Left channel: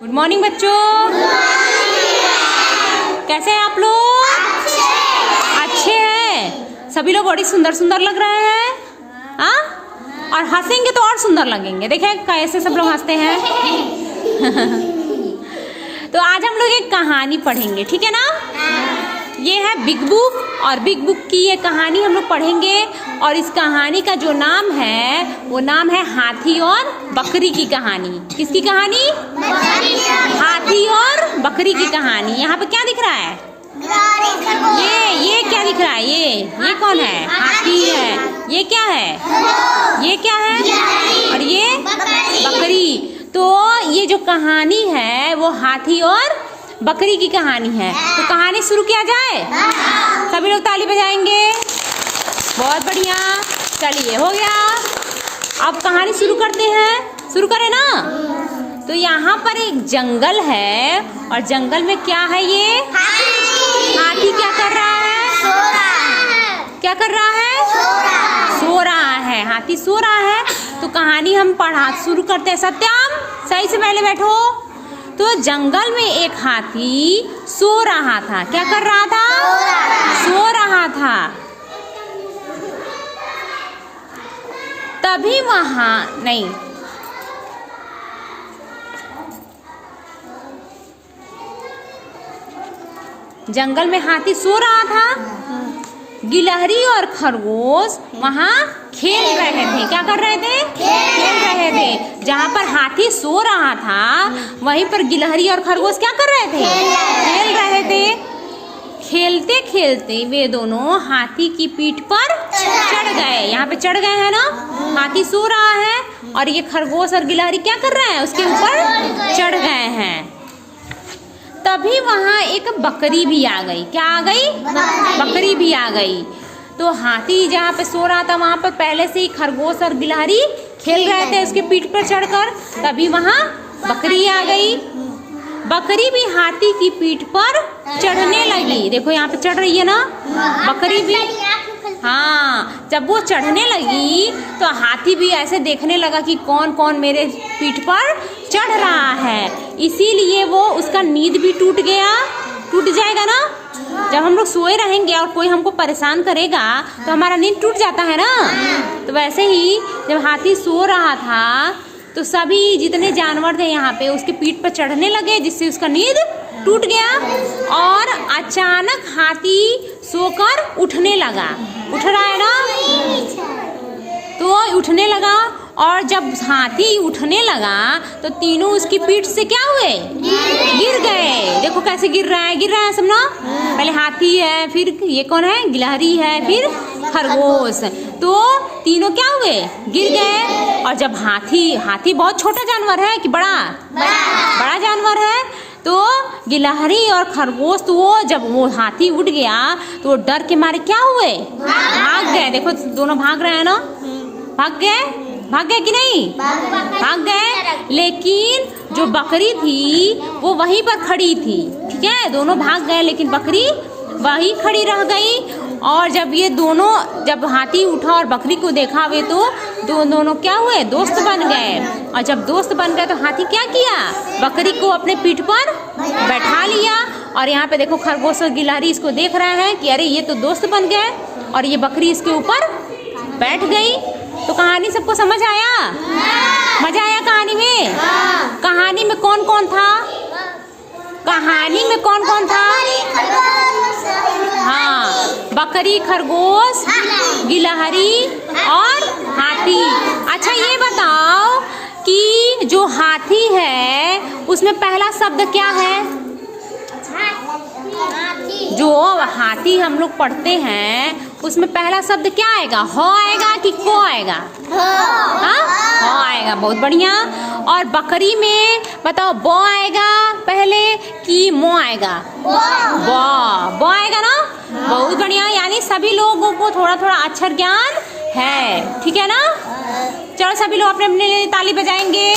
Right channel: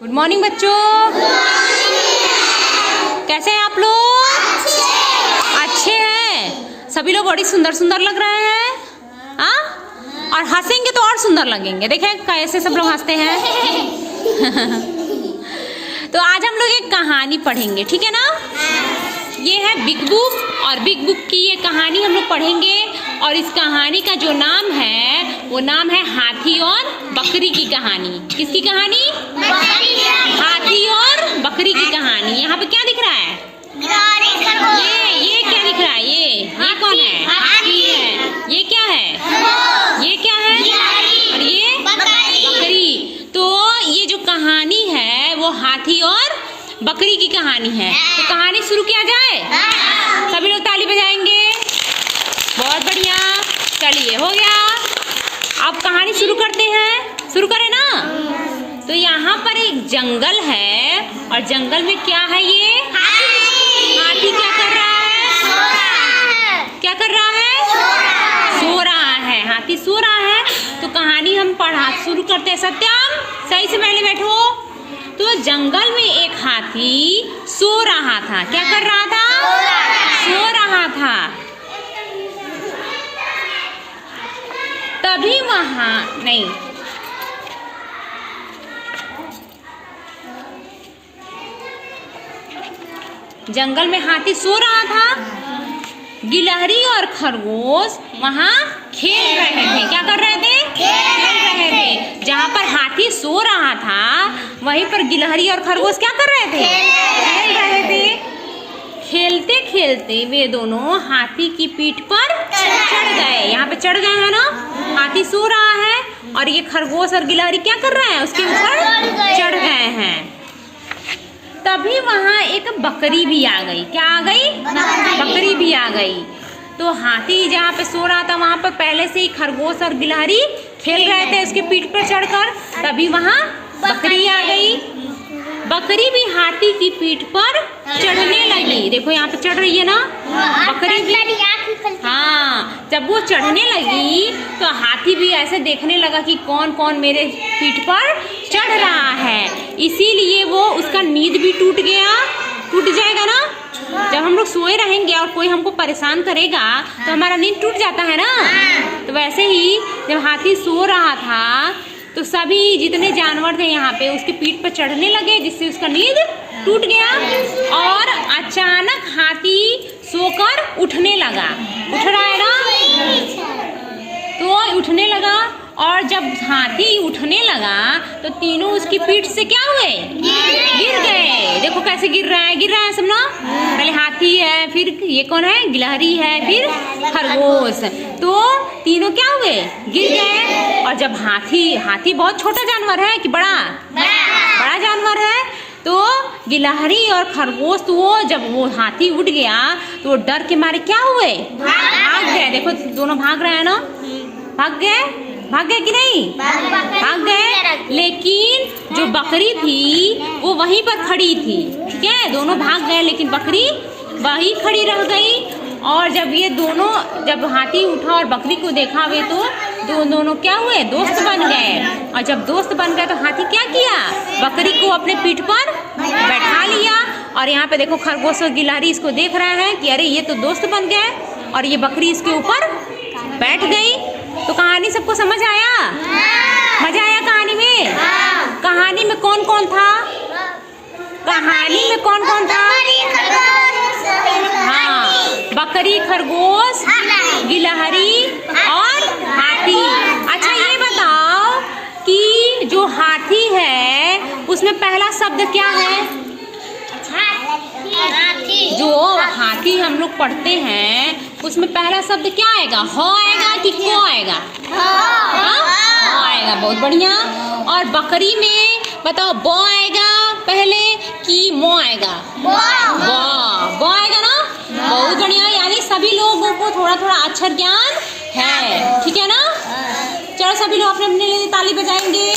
Good morning बच्चों, कैसे हैं आप लोग? अच्छे हैं। सभी लोग बड़ी सुंदर सुंदर लग रहे हैं। हाँ, और हंसेंगे तो और सुंदर लगेंगे। देखें कैसे सब लोग हंसते हैं। तो आज हम लोग एक कहानी पढ़ेंगे, ठीक है ना? ये है बिग बुक, और बिग बुक की ये कहानी हम लोग पढ़ेंगे। और इस कहानी का जो नाम है वो नाम है हाथी और बकरी की कहानी। किसकी कहानी? हाथी और बकरी की कहानी। यहाँ पे क्या दिख रहा है? ये क्या दिख रहा है? ये कौन है? हाथी है। ये क्या है? ये क्या है? और ये बकरी। तो ये जो कहानी है वो हाथी और बकरी की कहानी है। तो कहानी शुरू किया जाए? सभी लोग ताली बजाएंगे। बहुत बढ़िया, चलिए हो गया। अब कहानी शुरू करते हैं। शुरू करें ना? तो यहाँ पर एक जंगल है, और जंगल में क्या है? ये हाथी क्या कर रहा है? क्या कर रहा है? सो रहा है। हाथी सो रहा है। तो कहानी हम पढ़ा शुरू करते हैं। सत्यम, सही से पहले बैठो। तो जंगल में एक हाथी सो रहा था। क्या कर रहा था? सो रहा था। तभी वहां नहीं, जंगल में हाथी सो रहा था। गिलहरी और खरगोश वहां खेल रहे थे। क्या कर रहे थे? खेल रहे थे। जहाँ पर हाथी सो रहा था वहीं पर गिलहरी और खरगोश क्या कर रहे थे? खेल रहे थे। खेलते खेलते वे दोनों हाथी की पीठ पर चढ़ गए। यहाँ पे चढ़ गए हैं ना? हाथी सो रहा है और ये खरगोश और गिलहरी क्या कर रहे हैं? उसके ऊपर चढ़ गए हैं। तभी वहां एक बकरी भी आ गई। क्या आ गई? बकरी भी आ गई। तो हाथी जहाँ पे सो रहा था वहां पर पहले से ही खरगोश और गिलहरी खेल रहे थे उसके पीठ पर चढ़कर। तभी वहां बकरी आ गई। बकरी भी हाथी की पीठ पर चढ़ने लगी। देखो यहाँ पे चढ़ रही है ना बकरी भी। हाँ, जब वो चढ़ने लगी तो हाथी भी ऐसे देखने लगा कि कौन कौन मेरे पीठ पर चढ़ रहा है। इसीलिए वो उसका नींद भी टूट गया। टूट जाएगा ना? जब हम लोग सोए रहेंगे और कोई हमको परेशान करेगा तो हमारा नींद टूट जाता है ना। तो वैसे ही जब हाथी सो रहा था तो सभी जितने जानवर थे यहाँ पे उसके पीठ पर चढ़ने लगे, जिससे उसका नींद टूट गया। और अचानक हाथी सोकर उठने लगा। उठ रहा है ना? तो उठने लगा, और जब हाथी उठने लगा तो तीनों उसकी पीठ से क्या हुए? गिर गए। देखो कैसे गिर रहा है सब ना। पहले हाथी है, फिर ये कौन है? गिलहरी है, फिर खरगोश। तो तीनों क्या हुए? गिर गए। और जब हाथी बहुत छोटा जानवर है कि बड़ा जानवर है। तो गिलहरी और खरगोश तो जब वो हाथी उठ गया तो वो डर के मारे क्या हुए? भाग गए। देखो दोनों भाग रहे हैं ना। भाग गए कि नहीं? भाग गए। लेकिन जो बकरी थी वो वहीं पर खड़ी थी। ठीक है, दोनों भाग गए लेकिन बकरी वहीं खड़ी रह गई। और जब हाथी उठा और बकरी को देखा वे तो दोनों क्या हुए? दोस्त बन गए। और जब दोस्त बन गए तो हाथी क्या किया? बकरी को अपने पीठ पर बैठा लिया। और यहाँ पे देखो खरगोश और गिलहरी इसको देख रहे हैं कि अरे ये तो दोस्त बन गए, और ये बकरी इसके ऊपर बैठ गई। तो कहानी सबको समझ आया? मजा आया कहानी में? कहानी में कौन कौन था? हाँ, बकरी, खरगोश, गिलहरी और हाथी। अच्छा ये बताओ कि जो हाथी है उसमें पहला शब्द क्या है? जो हाथी हम लोग पढ़ते हैं उसमें पहला शब्द क्या आएगा? ह आएगा कि को आएगा? ह आएगा। बहुत बढ़िया। और बकरी में बताओ ब आएगा पहले कि मो आएगा? ब आएगा ना। बहुत बढ़िया। यानी सभी लोगों को थोड़ा थोड़ा अक्षर ज्ञान है। ठीक है ना? चलो सभी लोग अपने अपने लिए ताली बजाएंगे।